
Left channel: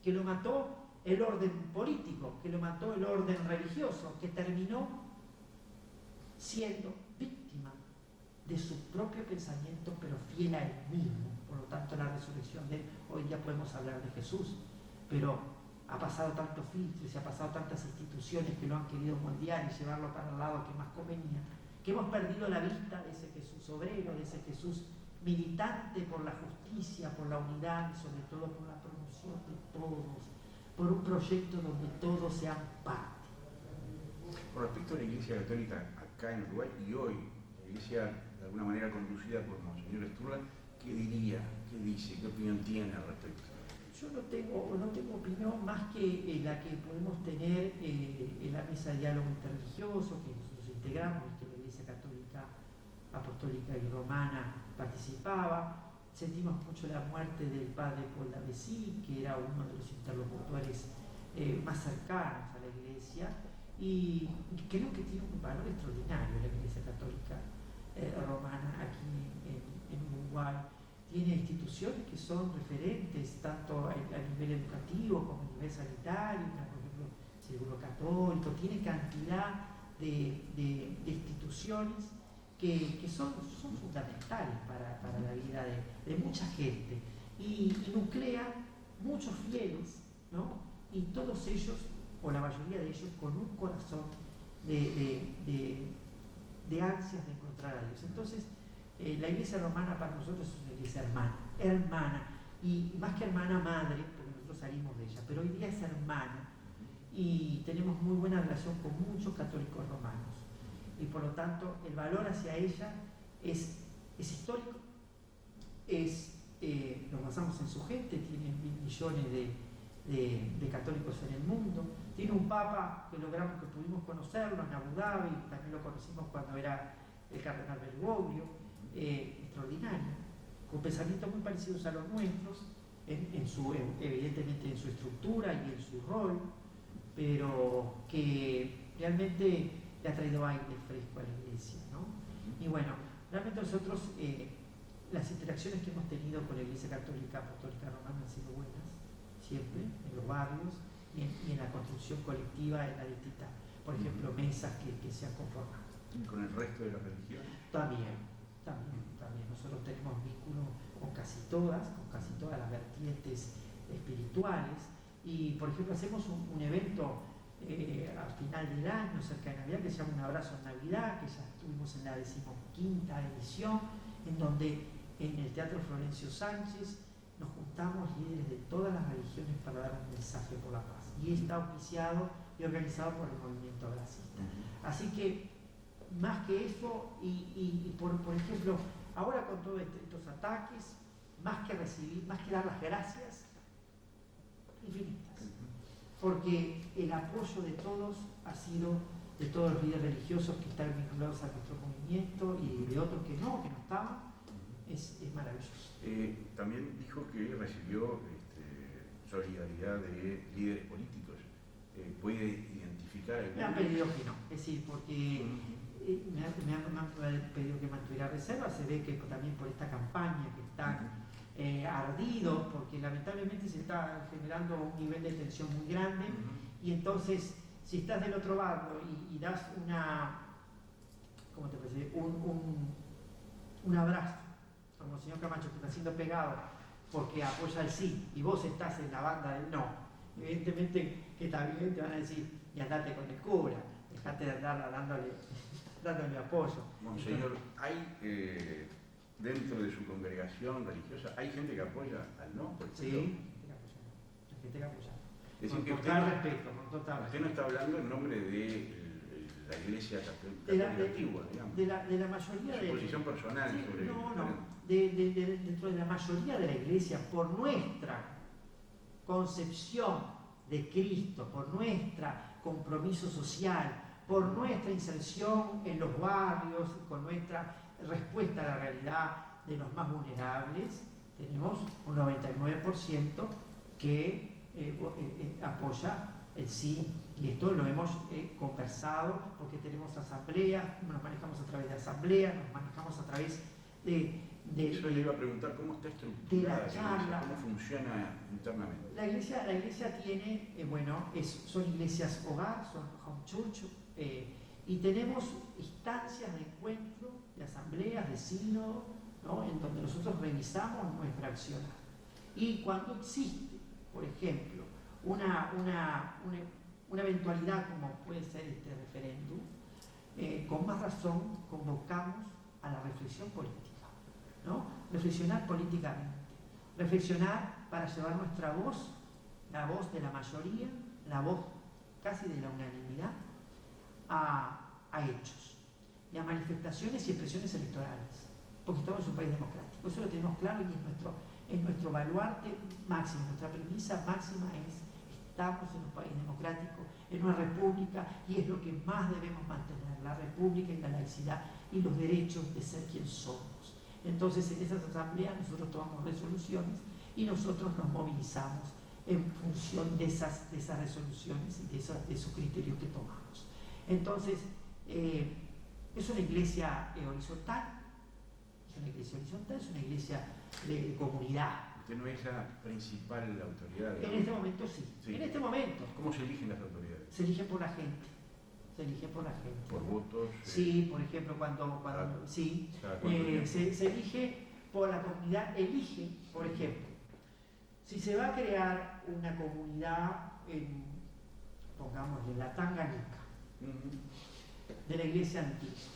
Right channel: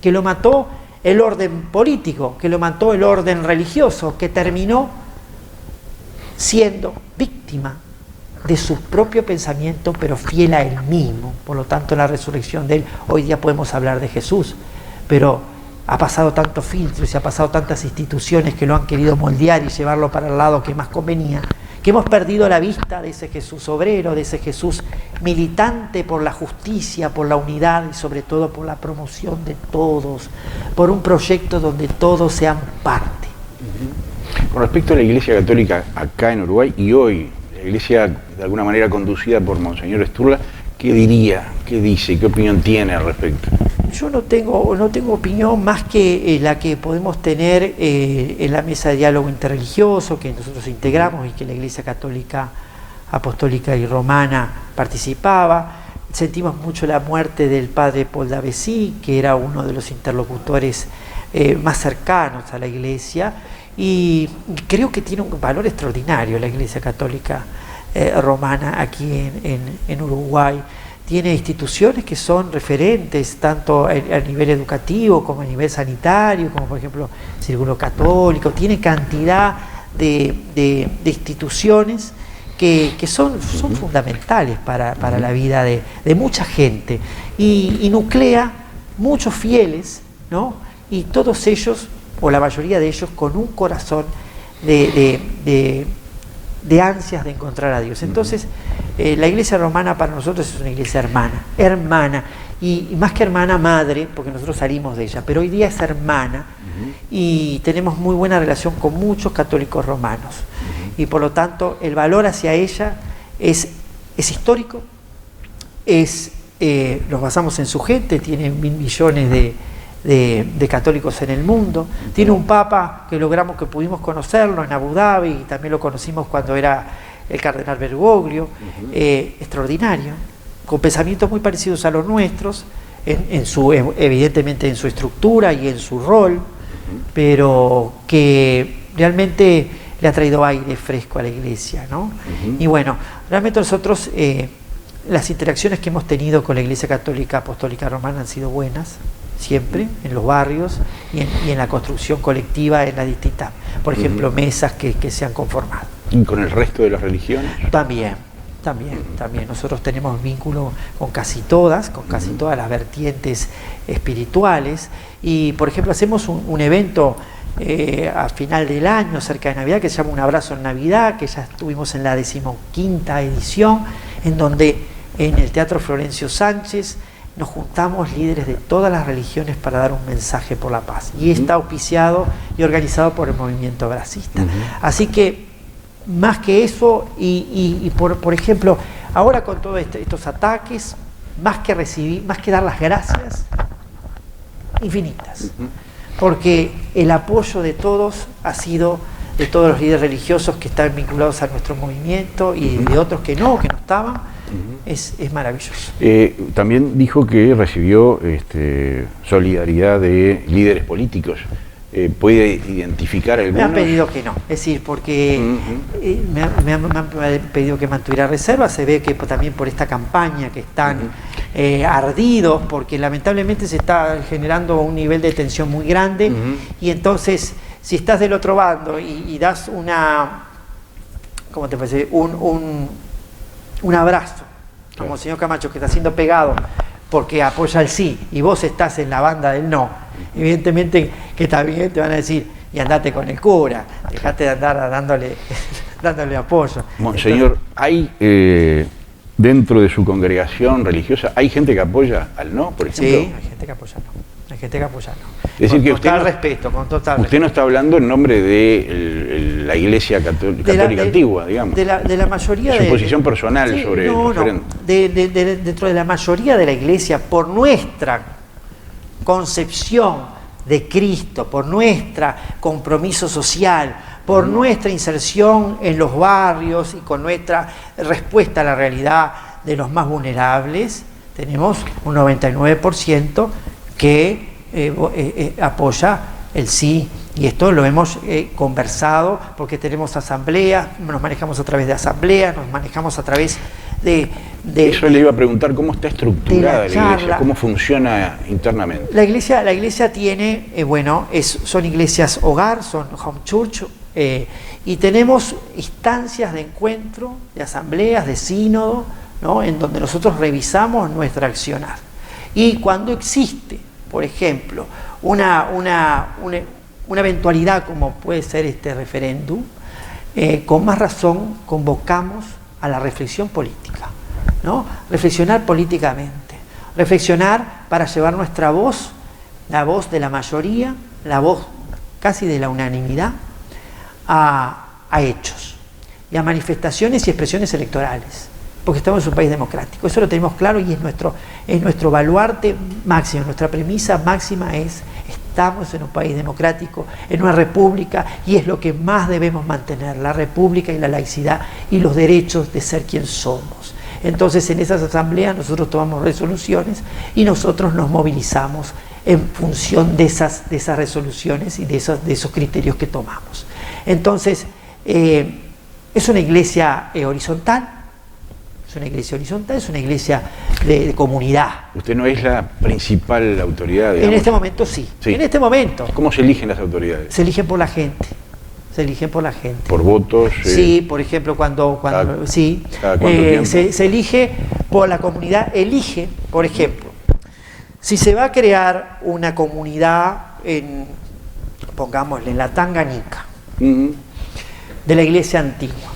que lo mató el orden político, que lo mató el orden religioso, que terminó siendo víctima de su propio pensamiento, pero fiel a él mismo. Por lo tanto, en la resurrección de él, hoy día podemos hablar de Jesús, pero ha pasado tantos filtros y ha pasado tantas instituciones que lo han querido moldear y llevarlo para el lado que más convenía, que hemos perdido la vista de ese Jesús obrero, de ese Jesús militante por la justicia, por la unidad y sobre todo por la promoción de todos, por un proyecto donde todos sean parte. Con respecto a la Iglesia Católica acá en Uruguay y hoy, la Iglesia de alguna manera conducida por Monseñor Sturla, ¿qué diría? ¿Qué dice? ¿Qué opinión tiene al respecto? Yo no tengo opinión más que la que podemos tener en la mesa de diálogo interreligioso que nosotros integramos y que la Iglesia Católica Apostólica y Romana participaba. Sentimos mucho la muerte del padre Paul Davesí, que era uno de los interlocutores más cercanos a la Iglesia, y creo que tiene un valor extraordinario la Iglesia Católica Romana aquí en Uruguay. Tiene instituciones que son referentes tanto a nivel educativo como a nivel sanitario, como por ejemplo el Círculo Católico. Tiene cantidad de instituciones que son fundamentales para la vida de mucha gente y nuclea muchos fieles, ¿no? Y todos ellos, o la mayoría de ellos, con un corazón de ansias de encontrar a Dios. Entonces, la Iglesia Romana para nosotros es una iglesia hermana, y más que hermana, madre, porque nosotros salimos de ella, pero hoy día es hermana, y tenemos muy buena relación con muchos católicos romanos, y por lo tanto el valor hacia ella es histórico, nos basamos en su gente, tiene 1.000 millones de católicos en el mundo, tiene un papa que pudimos conocerlo en Abu Dhabi, y también lo conocimos cuando era el cardenal Bergoglio, extraordinario, con pensamientos muy parecidos a los nuestros, evidentemente en su estructura y en su rol, pero que realmente le ha traído aire fresco a la Iglesia, ¿no? Y bueno, realmente nosotros, las interacciones que hemos tenido con la Iglesia Católica Apostólica Romana han sido buenas, siempre, en los barrios y en la construcción colectiva en las distintas, por ejemplo, mesas que se han conformado. ¿Y con el resto de las religiones? También. Nosotros tenemos vínculo con casi todas las vertientes espirituales, y por ejemplo hacemos un evento a final del año, cerca de Navidad, que se llama Un Abrazo en Navidad, que ya estuvimos en la 15ª edición, en donde en el Teatro Florencio Sánchez nos juntamos líderes de todas las religiones para dar un mensaje por la paz. Y está auspiciado y organizado por el movimiento bracista. Así que, más que eso, por ejemplo, ahora con todos estos ataques, más que dar las gracias, infinitas. Porque el apoyo de todos ha sido de todos los líderes religiosos que están vinculados a nuestro movimiento y de otros que no estaban, es maravilloso. También dijo que recibió solidaridad de líderes políticos. ¿Puede identificar algunos? Me han pedido que no, es decir, porque me han pedido que mantuviera reserva. Se ve que también por esta campaña que están ardidos, porque lamentablemente se está generando un nivel de tensión muy grande, y entonces si estás del otro bando y das ¿cómo te parece? Un abrazo, como el señor Camacho, que está siendo pegado porque apoya el sí, y vos estás en la banda del no, evidentemente que también te van a decir, y andate con el cura, dejate de andar dándole apoyo. Monseñor, ¿hay dentro de su congregación religiosa, hay gente que apoya al no, por ejemplo? Sí, hay gente que apoya al no. Hay gente que apoya al no. Es decir, con que total respeto, con total respeto. Usted no está hablando en nombre de la Iglesia Católica Antigua, digamos. De la mayoría de... Su posición personal sobre el referéndum. Dentro de la mayoría de la Iglesia, por nuestra concepción de Cristo, por nuestro compromiso social, por nuestra inserción en los barrios y con nuestra respuesta a la realidad de los más vulnerables, tenemos un 99% que apoya el sí, y esto lo hemos conversado porque tenemos asambleas, nos manejamos a través de asambleas, nos manejamos a través de eso le iba a preguntar, ¿cómo está estructurada la Iglesia? ¿Cómo funciona internamente? La iglesia tiene, son iglesias hogar, son home church, y tenemos instancias de encuentro, de asambleas, de sínodo, ¿no? En donde nosotros revisamos nuestra accionar. Y cuando existe, por ejemplo, una eventualidad como puede ser este referéndum, con más razón convocamos a la reflexión política, ¿no? Reflexionar políticamente, reflexionar para llevar nuestra voz, la voz de la mayoría, la voz casi de la unanimidad, a hechos y a manifestaciones y expresiones electorales, porque estamos en un país democrático. Eso lo tenemos claro y es nuestro baluarte máximo, nuestra premisa máxima es: estamos en un país democrático, en una república, y es lo que más debemos mantener, la república y la laicidad y los derechos de ser quien somos. Entonces, en esas asambleas nosotros tomamos resoluciones y nosotros nos movilizamos en función de esas resoluciones y de esos criterios que tomamos. Entonces, es una iglesia horizontal. Es una iglesia horizontal, es una iglesia de comunidad. ¿Usted no es la principal autoridad, digamos? En este momento sí. En este momento. ¿Cómo se eligen las autoridades? Se eligen por la gente. Se eligen por la gente. ¿Por votos? Sí, por ejemplo, sí. ¿Cada cuánto tiempo? Se elige por la comunidad, elige, por ejemplo, si se va a crear una comunidad pongámosle, en la Tanganica, de la iglesia antigua.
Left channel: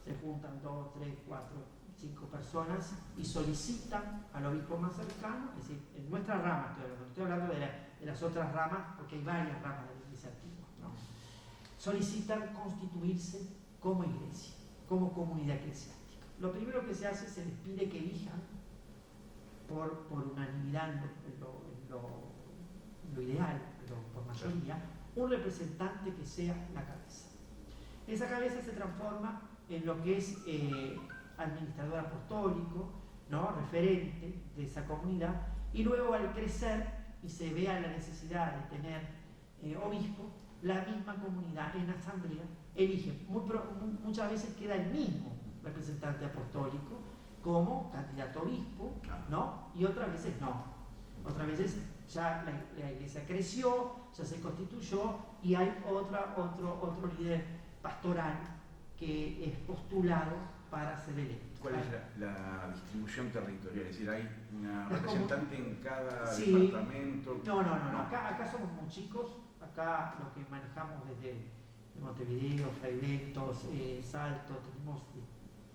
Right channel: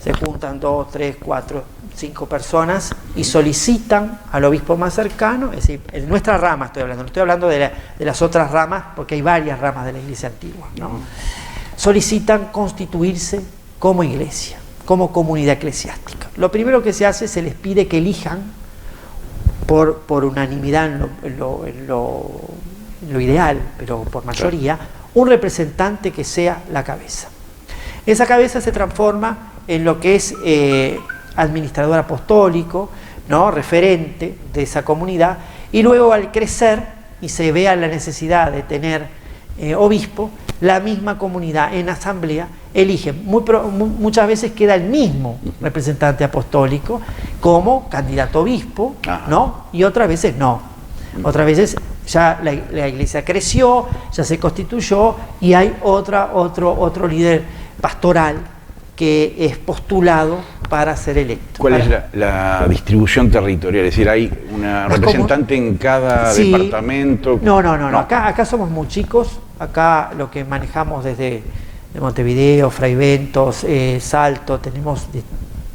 Se juntan 2, 3, 4, 5 personas y solicitan al obispo más cercano, es decir, en nuestra rama estoy hablando, no estoy hablando de las otras ramas, porque hay varias ramas de la iglesia antigua, ¿no? Solicitan constituirse como iglesia, como comunidad eclesiástica. Lo primero que se hace, se les pide que elijan por unanimidad en lo ideal, pero por mayoría, un representante que sea la cabeza. Esa cabeza se transforma en lo que es administrador apostólico, ¿no? Referente de esa comunidad, y luego al crecer y se vea la necesidad de tener obispo, la misma comunidad en asamblea elige, muchas veces queda el mismo representante apostólico como candidato a obispo, ¿no? Y otras veces no. Otras veces ya la iglesia creció, ya se constituyó y hay otro líder pastoral que es postulado para ser electo. ¿Cuál es la distribución territorial? Es decir, ¿hay una representante en cada departamento? No. Acá somos muy chicos. Acá lo que manejamos desde Montevideo, Fraiventos, Salto, tenemos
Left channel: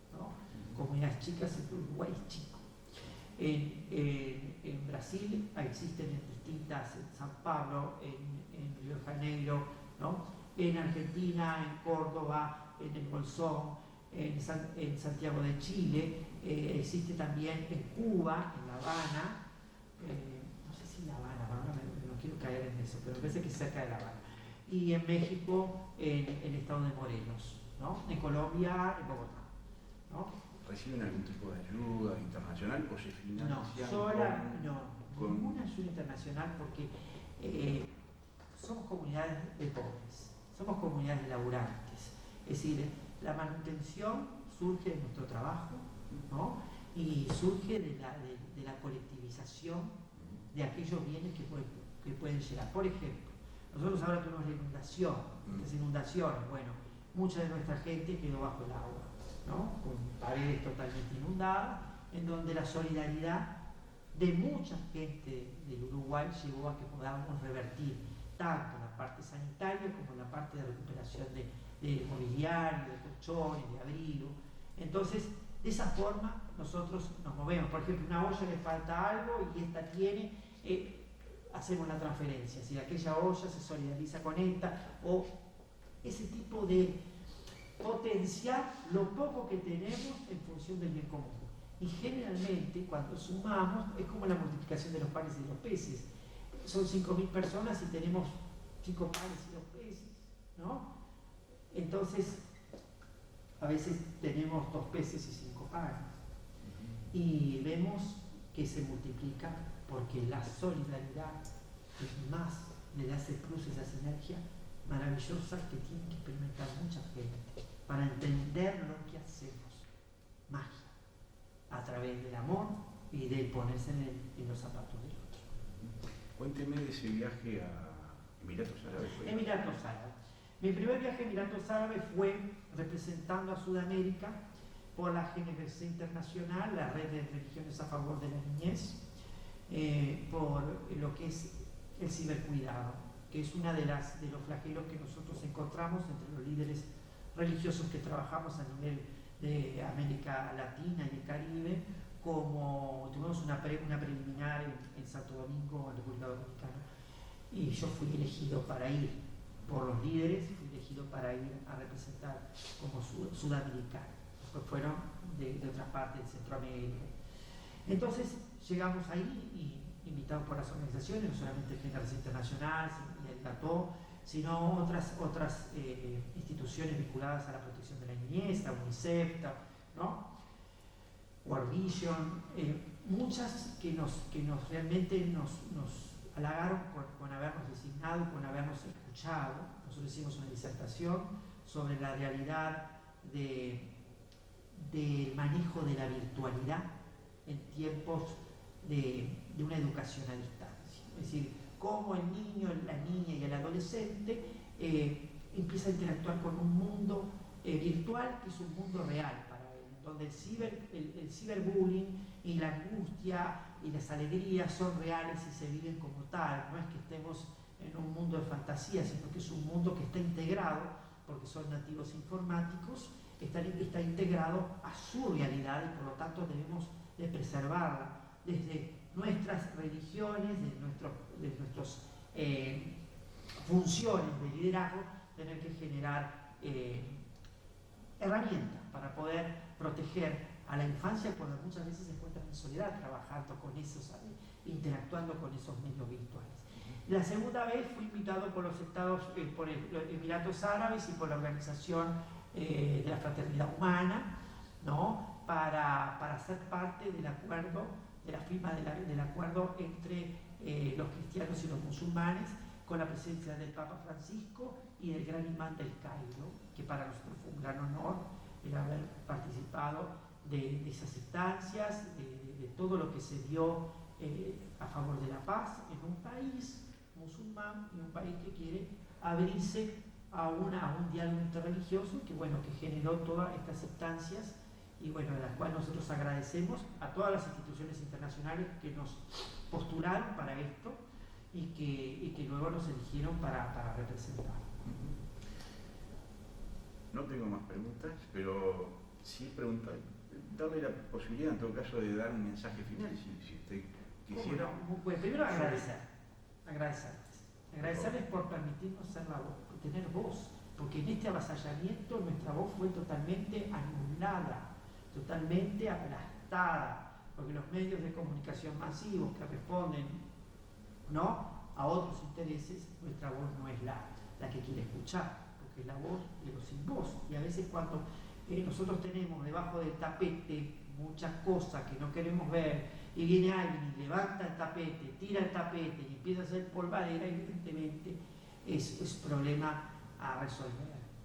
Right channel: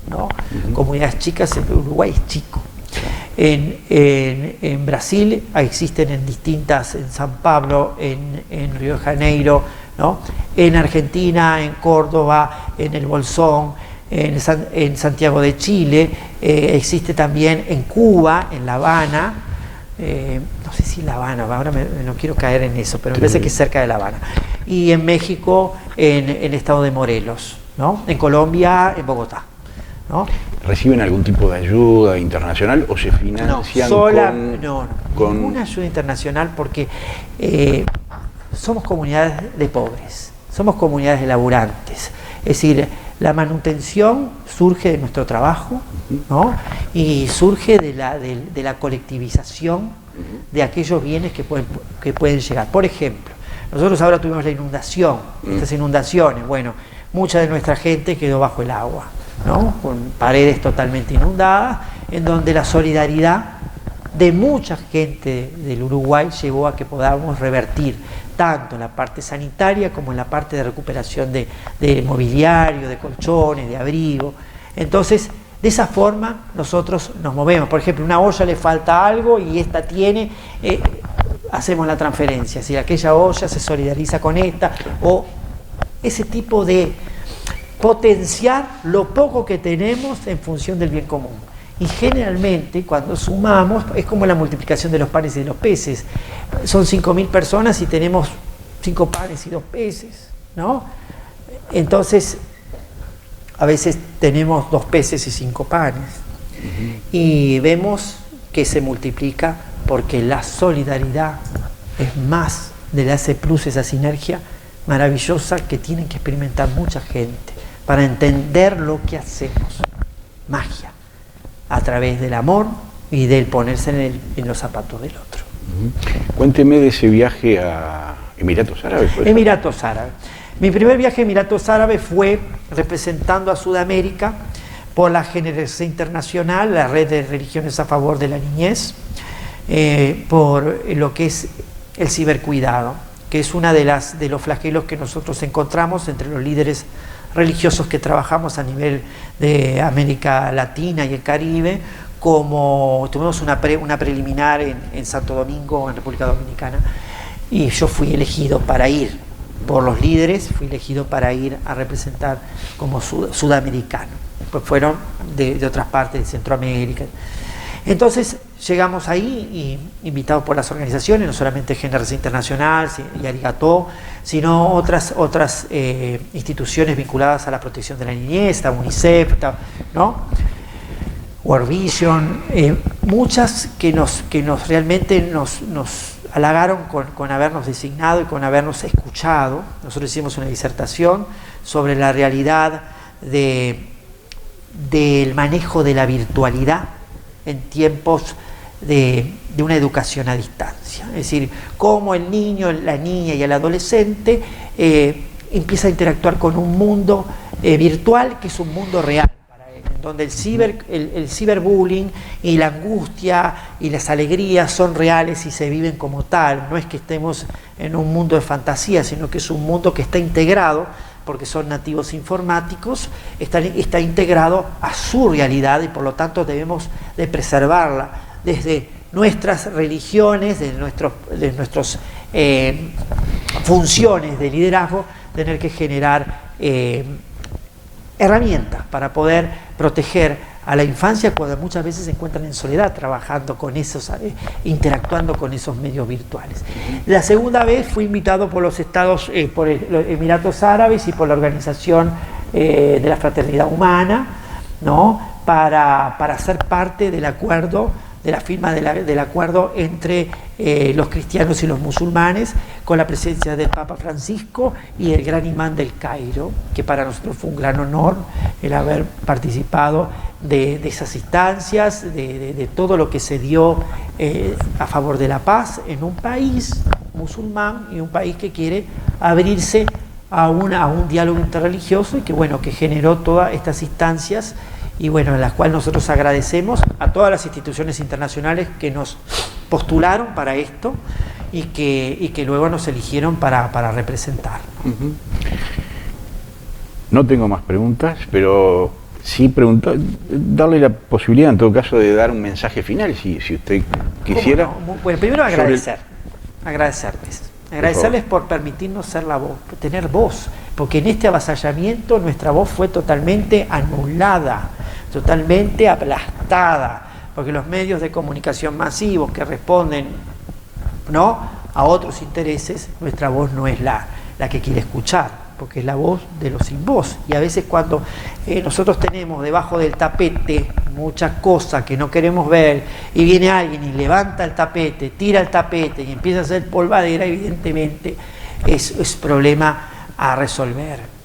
¿no? Comunidades chicas, el Uruguay es chico. En Brasil existen en San Pablo, en Río de Janeiro, ¿no? En Argentina, en Córdoba, en el Bolsón, en Santiago de Chile, existe también en Cuba, en La Habana, no sé si La Habana, ahora no quiero caer en eso, pero me parece que es cerca de La Habana, y en México, en el estado de Morelos, ¿no? En Colombia, en Bogotá, ¿no? ¿Reciben algún tipo de ayuda internacional o se financian con ninguna ayuda internacional, porque somos comunidades de pobres, somos comunidades de laburantes, es decir, la manutención surge de nuestro trabajo, ¿no? Y surge de la colectivización de aquellos bienes que pueden llegar. Por ejemplo, nosotros ahora tuvimos la inundación, estas inundaciones, bueno, mucha de nuestra gente quedó bajo el agua, ¿no? Con paredes totalmente inundadas, en donde la solidaridad de mucha gente del Uruguay llevó a que podamos revertir tanto en la parte sanitaria como en la parte de recuperación de mobiliario, de colchones, de abrigo. Entonces, de esa forma nosotros nos movemos. Por ejemplo, una olla le falta algo y esta tiene, hacemos la transferencia, si aquella olla se solidariza con esta, o ese tipo de potenciar lo poco que tenemos en función del bien común. Y generalmente cuando sumamos es como la multiplicación de los panes y de los peces. Son 5.000 personas y tenemos 5 panes y 2 peces, ¿no? Entonces a veces tenemos 2 peces y 5 panes. Y vemos que se multiplica porque la solidaridad es más de ese plus, esa sinergia maravillosa que tienen que experimentar mucha gente para entender lo que hacemos. Magia. A través del amor y del ponerse en los zapatos del otro. Cuénteme de ese viaje a Emiratos Árabes. Emiratos Árabes. Mi primer viaje a Emiratos Árabes fue representando a Sudamérica por la Generosidad Internacional, la red de religiones a favor de la niñez, por lo que es el cibercuidado, que es una de los flagelos que nosotros encontramos entre los líderes religiosos que trabajamos a nivel de América Latina y el Caribe, como tuvimos una preliminar en Santo Domingo, en República Dominicana, y yo fui elegido para ir, por los líderes, fui elegido para ir a representar como sudamericano, pues fueron de otras partes de Centroamérica. Entonces llegamos ahí, y invitados por las organizaciones, no solamente Generosidad Internacional y Arigató, sino otras instituciones vinculadas a la protección de la niñez, UNICEF, ¿no? World Vision, muchas que realmente nos halagaron con habernos designado y con habernos escuchado. Nosotros hicimos una disertación sobre la realidad del manejo de la virtualidad en tiempos de una educación a distancia. Es decir, cómo el niño, la niña y el adolescente empieza a interactuar con un mundo virtual que es un mundo real para él, en donde el ciberbullying y la angustia y las alegrías son reales y se viven como tal. No es que estemos en un mundo de fantasía, sino que es un mundo que está integrado, porque son nativos informáticos, está integrado a su realidad, y por lo tanto debemos de preservarla desde nuestras religiones, de nuestras funciones de liderazgo, tener que generar herramientas para poder proteger a la infancia cuando muchas veces se encuentran en soledad trabajando con esos, interactuando con esos medios virtuales. La segunda vez fui invitado por los Estados, por los Emiratos Árabes y por la Organización de la Fraternidad Humana, ¿no? para ser parte del acuerdo, de la firma del acuerdo entre los cristianos y los musulmanes, con la presencia del Papa Francisco y el gran imán del Cairo, que para nosotros fue un gran honor el haber participado de esas instancias, de todo lo que se dio a favor de la paz en un país musulmán y un país que quiere abrirse a un diálogo interreligioso, y que bueno, que generó todas estas instancias, y bueno, en las cuales nosotros agradecemos a todas las instituciones internacionales que nos postularon para esto y que luego nos eligieron para representar. No tengo más preguntas, pero Sí, darle la posibilidad en todo caso de dar un mensaje final, si usted quisiera. No? Bueno, primero agradecerles por permitirnos ser la voz, por tener voz, porque en este avasallamiento nuestra voz fue totalmente anulada, totalmente aplastada, porque los medios de comunicación masivos que responden, ¿no?, a otros intereses, nuestra voz no es la que quiere escuchar, porque es la voz de los sin voz. Y a veces cuando nosotros tenemos debajo del tapete muchas cosas que no queremos ver, y viene alguien y levanta el tapete, tira el tapete y empieza a hacer polvadera, evidentemente es problema a resolver.